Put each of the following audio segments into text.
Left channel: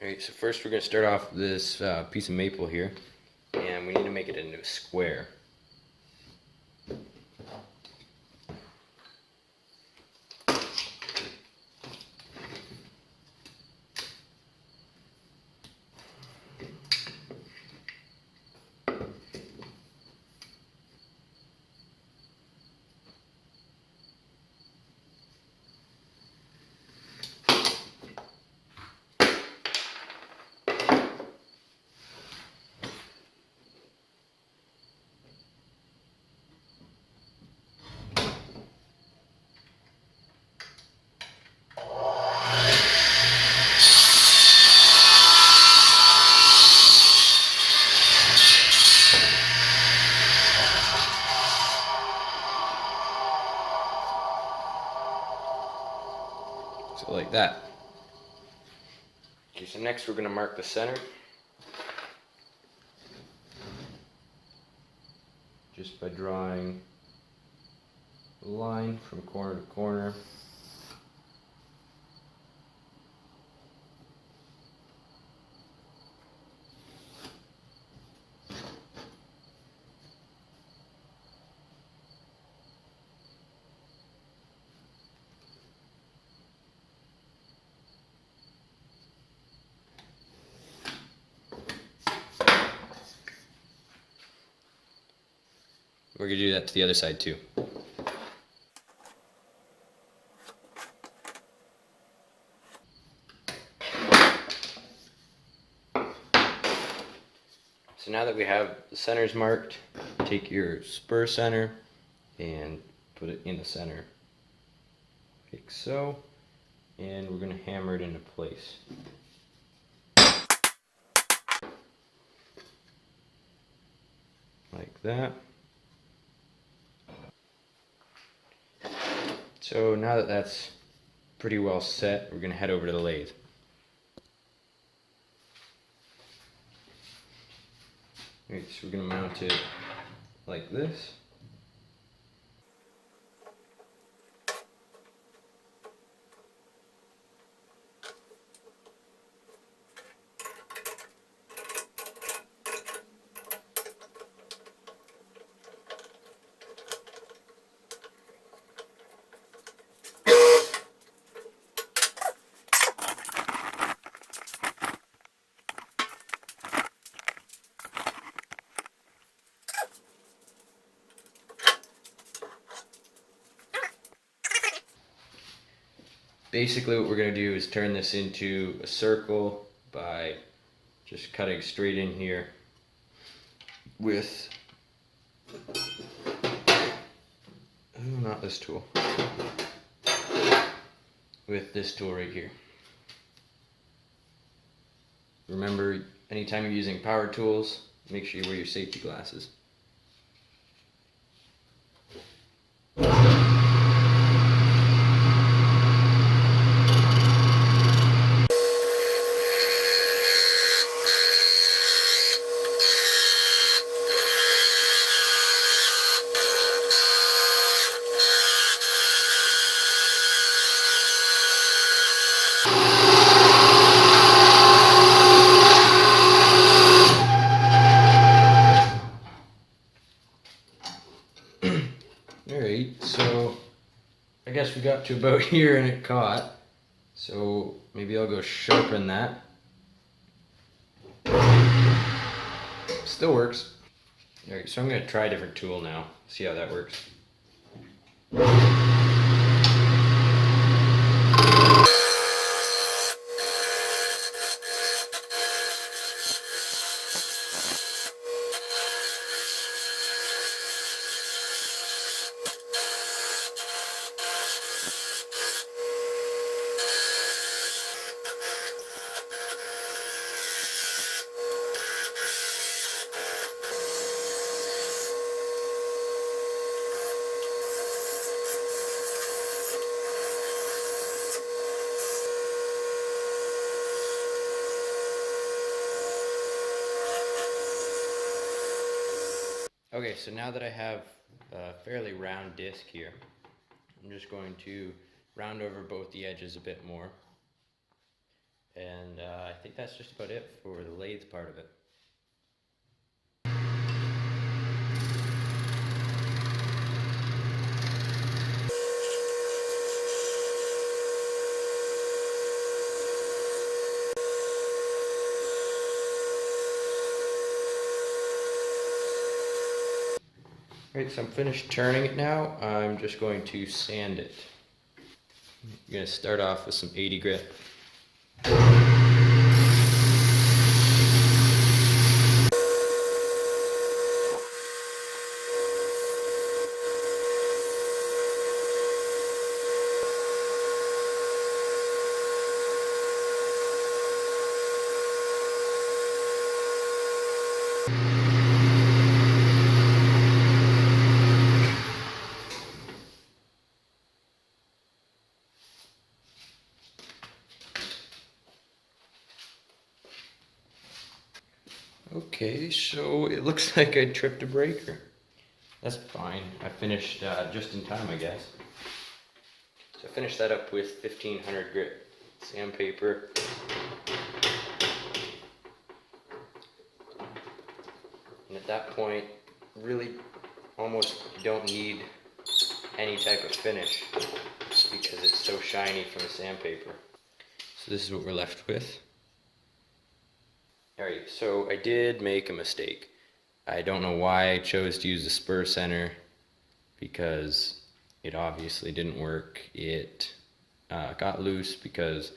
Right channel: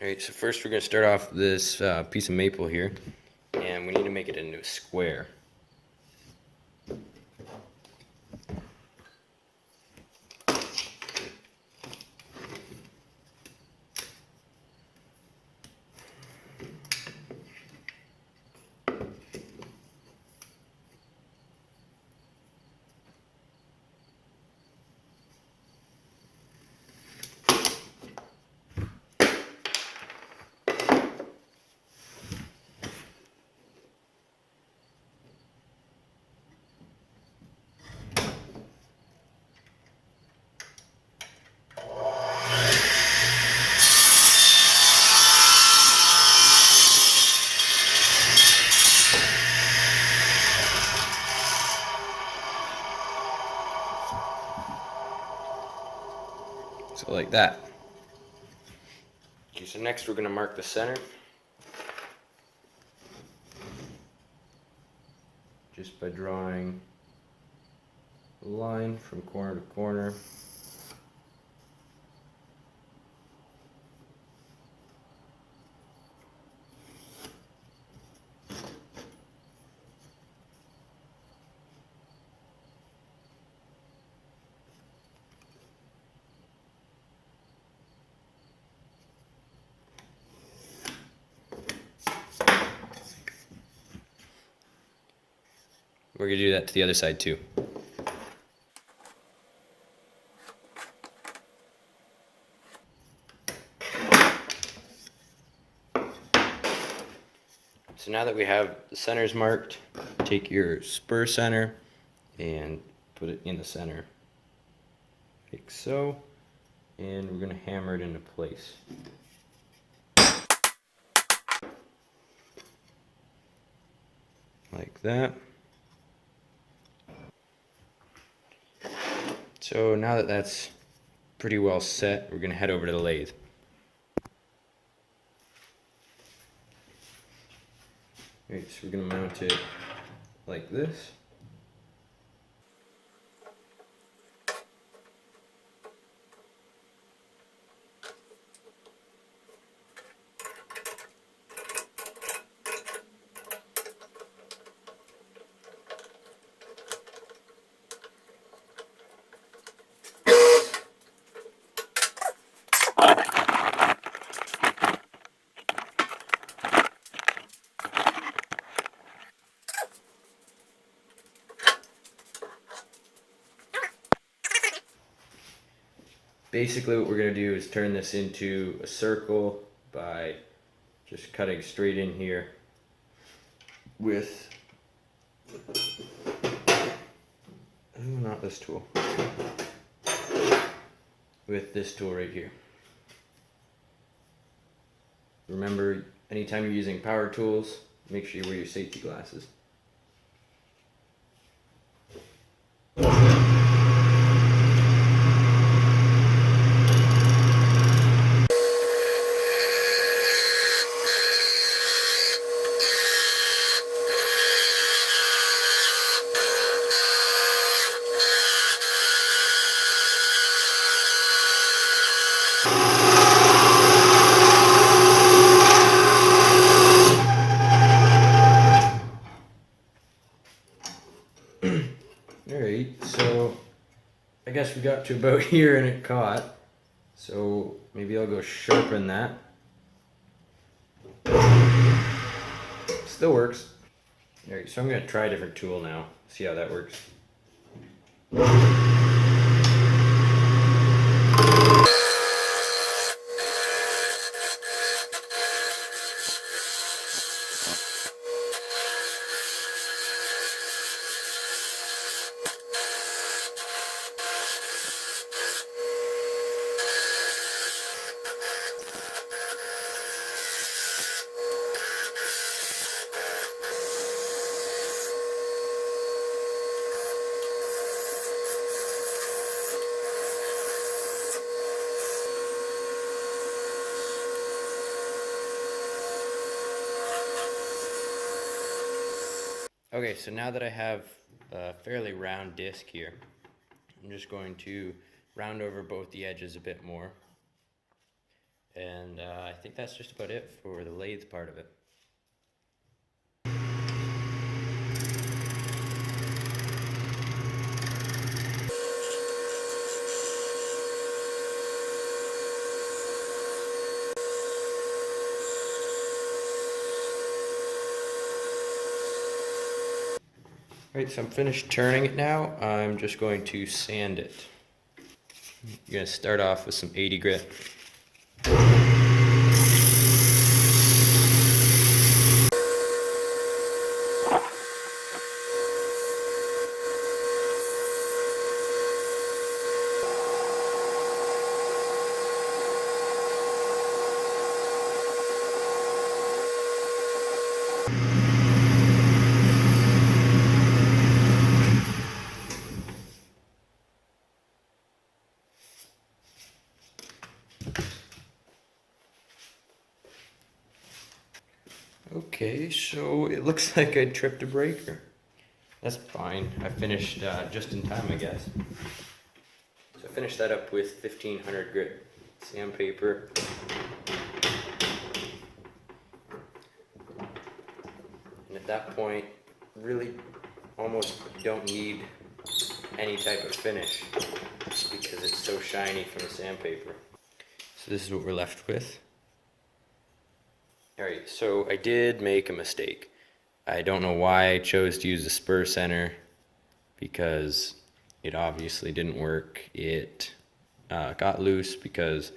Alright, so first we're going to start off this piece of maple here, and we need to make it into a square. So like that. Okay, so next we're going to mark the center. Just by drawing a line from corner to corner. We're going to do that to the other side too. So now that we have the centers marked, take your spur center and put it in the center, like so, and we're going to hammer it into place. Like that. So now that that's pretty well set, we're going to head over to the lathe. Alright, so we're going to mount it like this. Basically what we're going to do is turn this into a circle by just cutting straight in here with, not this tool, with this tool right here. Remember, anytime you're using power tools, make sure you wear your safety glasses. Alright, so I guess we got to about here and it caught. So maybe I'll go sharpen that. Still works. Alright, so I'm going to try a different tool now, see how that works. Okay, so now that I have a fairly round disc here, I'm just going to round over both the edges a bit more And I think that's just about it for the lathe part of it. Alright, so I'm finished turning it now. I'm just going to sand it. You're going to start off with some 80 grit. Okay, so it looks like I tripped a breaker. That's fine. I finished just in time, I guess. So I finished that up with 1500 grit sandpaper. And at that point, really almost don't need any type of finish because it's so shiny from the sandpaper. So this is what we're left with. Alright, so I did make a mistake. I don't know why I chose to use the spur center because it obviously didn't work. It got loose because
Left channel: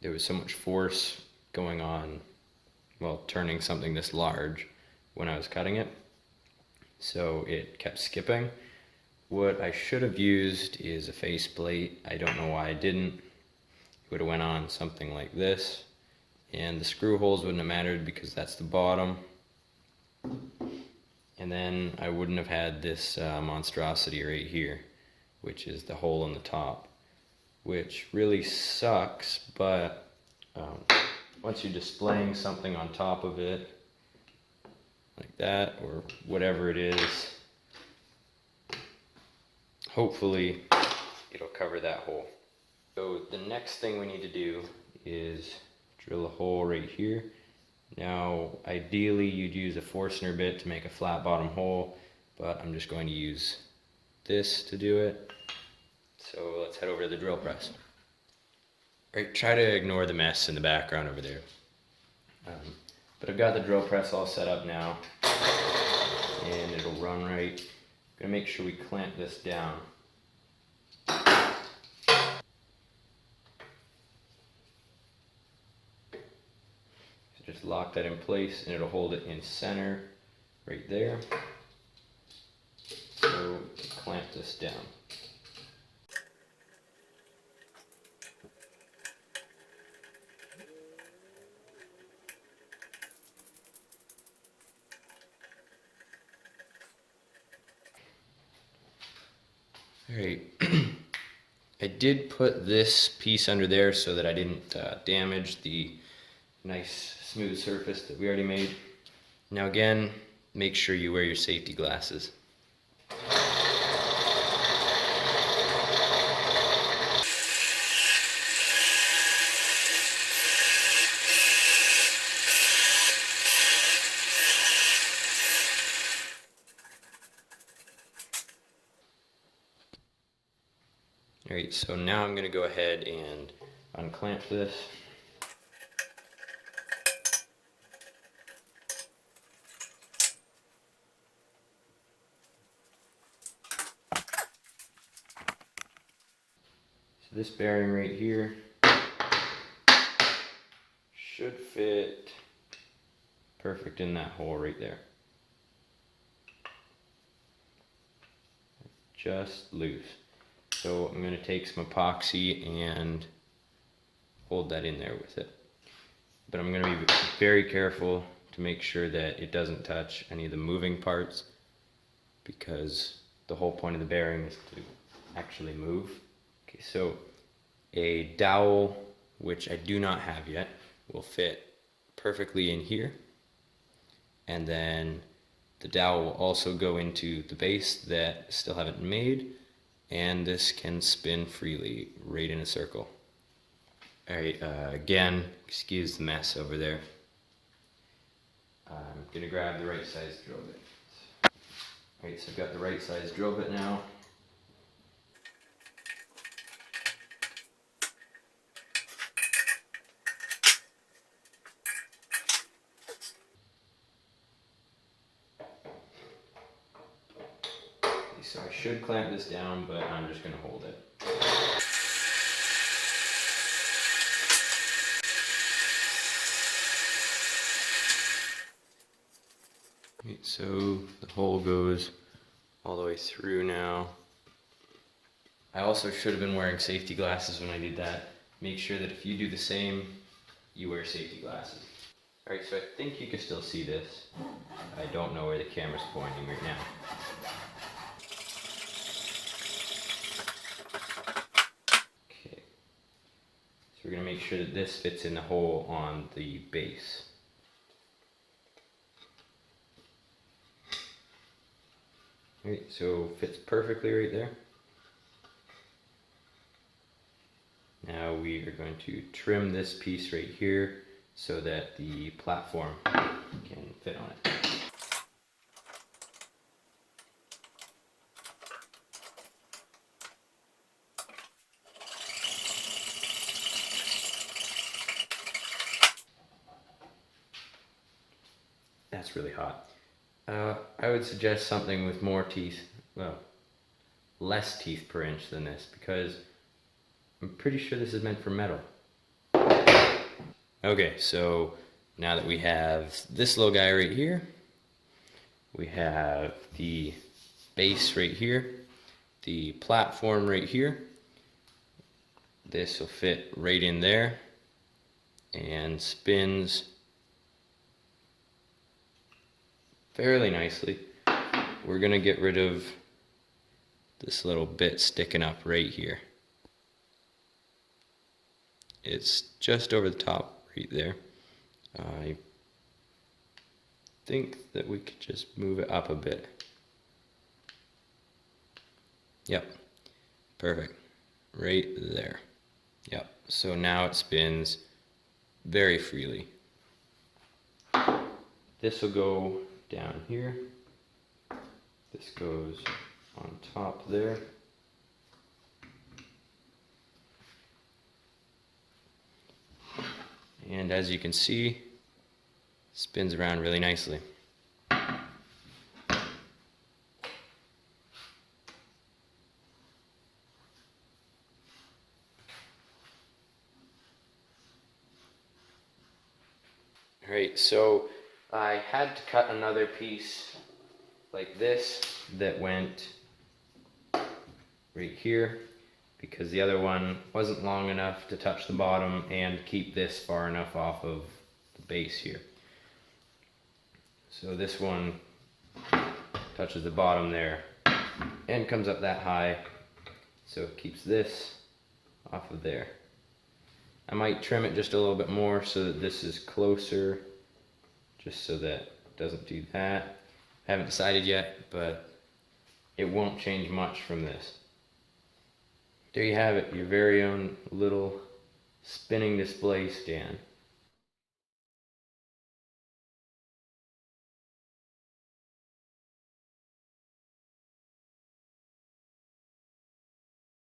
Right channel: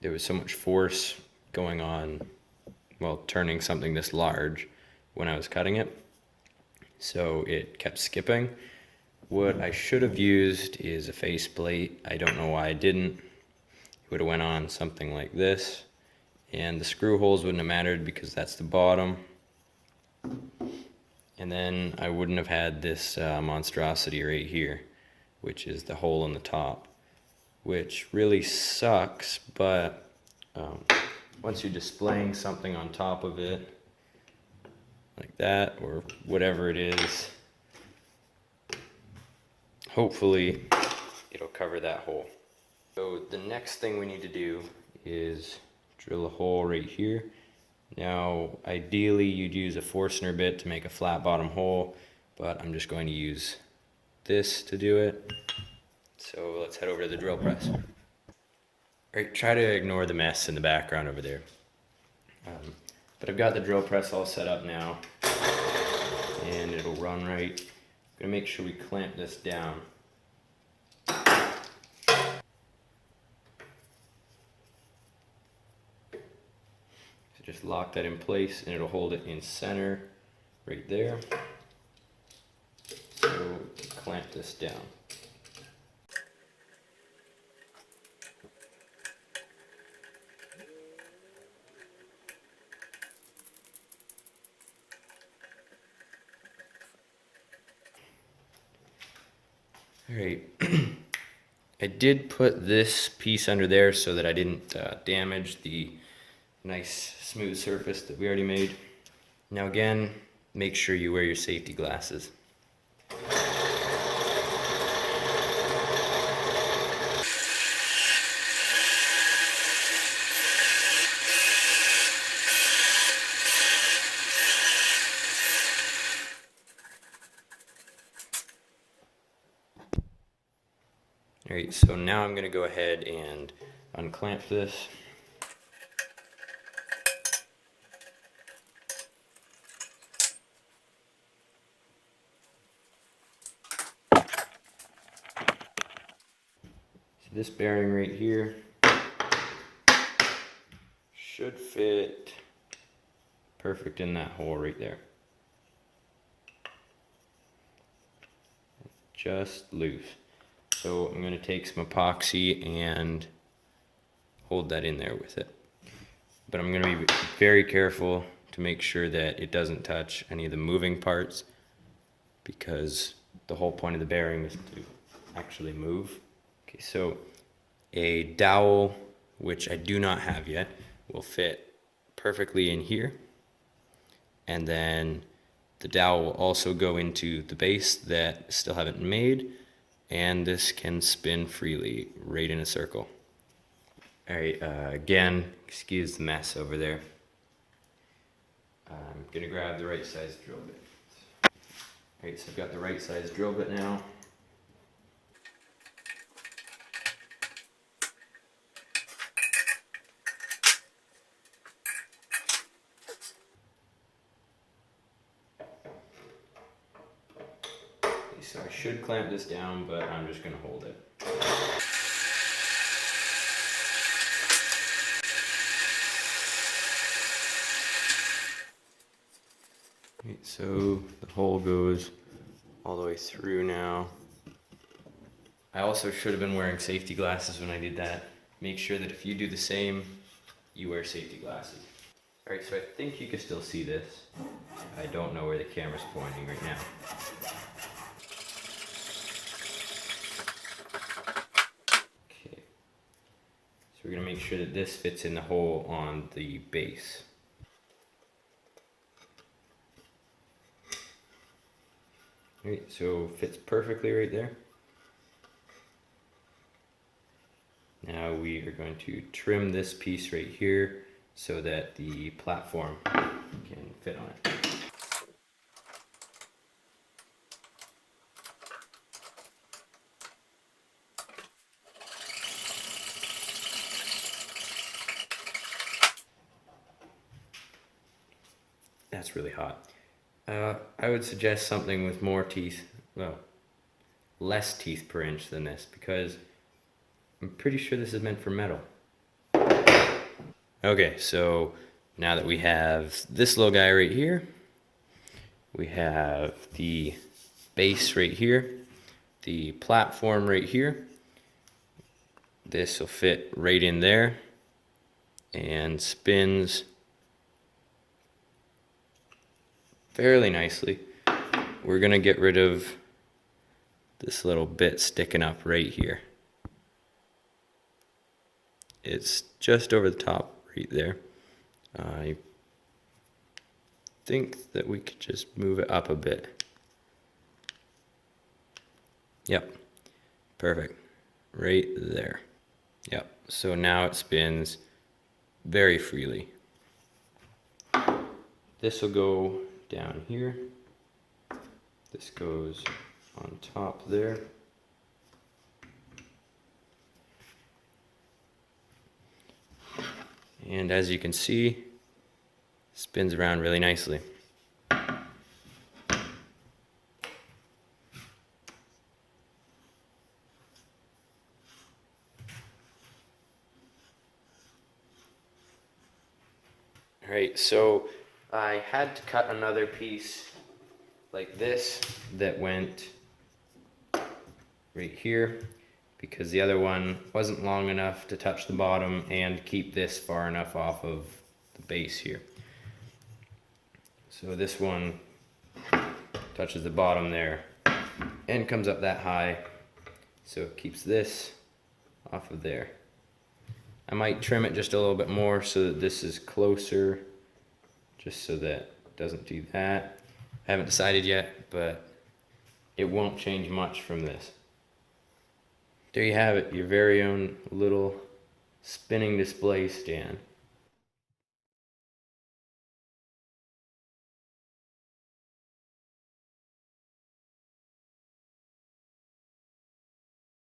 there was so much force going on, well, turning something this large when I was cutting it. So it kept skipping. What I should have used is a faceplate. I don't know why I didn't. It would have went on something like this. And the screw holes wouldn't have mattered because that's the bottom. And then I wouldn't have had this monstrosity right here, which is the hole in the top, which really sucks, but once you're displaying something on top of it, like that, or whatever it is, hopefully it'll cover that hole. So the next thing we need to do is drill a hole right here. Now, ideally you'd use a Forstner bit to make a flat bottom hole, but I'm just going to use this to do it. So let's head over to the drill press. Alright, try to ignore the mess in the background over there. But I've got the drill press all set up now, and it'll run right. I'm gonna make sure we clamp this down. Just lock that in place and it'll hold it in center right there. So clamp this down. Alright, I did put this piece under there so that I didn't damage the nice smooth surface that we already made. Now again, make sure you wear your safety glasses. Alright, so now I'm going to go ahead and unclamp this. So this bearing right here should fit perfect in that hole right there. Just loose. So I'm going to take some epoxy and hold that in there with it. But I'm going to be very careful to make sure that it doesn't touch any of the moving parts, because the whole point of the bearing is to actually move. Okay, so a dowel, which I do not have yet, will fit perfectly in here. And then the dowel will also go into the base that I still haven't made, and this can spin freely right in a circle. Alright, again, excuse the mess over there. I'm gonna grab the right size drill bit. Alright, so I've got the right size drill bit now. So I should clamp this down, but I'm just gonna hold it. So the hole goes all the way through now. I also should have been wearing safety glasses when I did that. Make sure that if you do the same, you wear safety glasses. Alright, so I think you can still see this. I don't know where the camera's pointing right now. Okay. So we're gonna make sure that this fits in the hole on the base. Alright, so fits perfectly right there. Now we are going to trim this piece right here so that the platform can fit on it. That's really hot. I would suggest something with more teeth, well, less teeth per inch than this, because I'm pretty sure this is meant for metal. Okay, so now that we have this little guy right here, we have the base right here, the platform right here. This will fit right in there and spins fairly nicely. We're gonna get rid of this little bit sticking up right here. It's just over the top right there. I think that we could just move it up a bit. Yep, perfect, right there. Yep, so now it spins very freely. This will go down here. This goes on top there. And as you can see, spins around really nicely. Alright, so I had to cut another piece like this that went right here because the other one wasn't long enough to touch the bottom and keep this far enough off of the base here. So this one touches the bottom there and comes up that high, so it keeps this off of there. I might trim it just a little bit more so that this is closer, just so that it doesn't do that. I haven't decided yet, but it won't change much from this. There you have it, your very own little spinning display stand.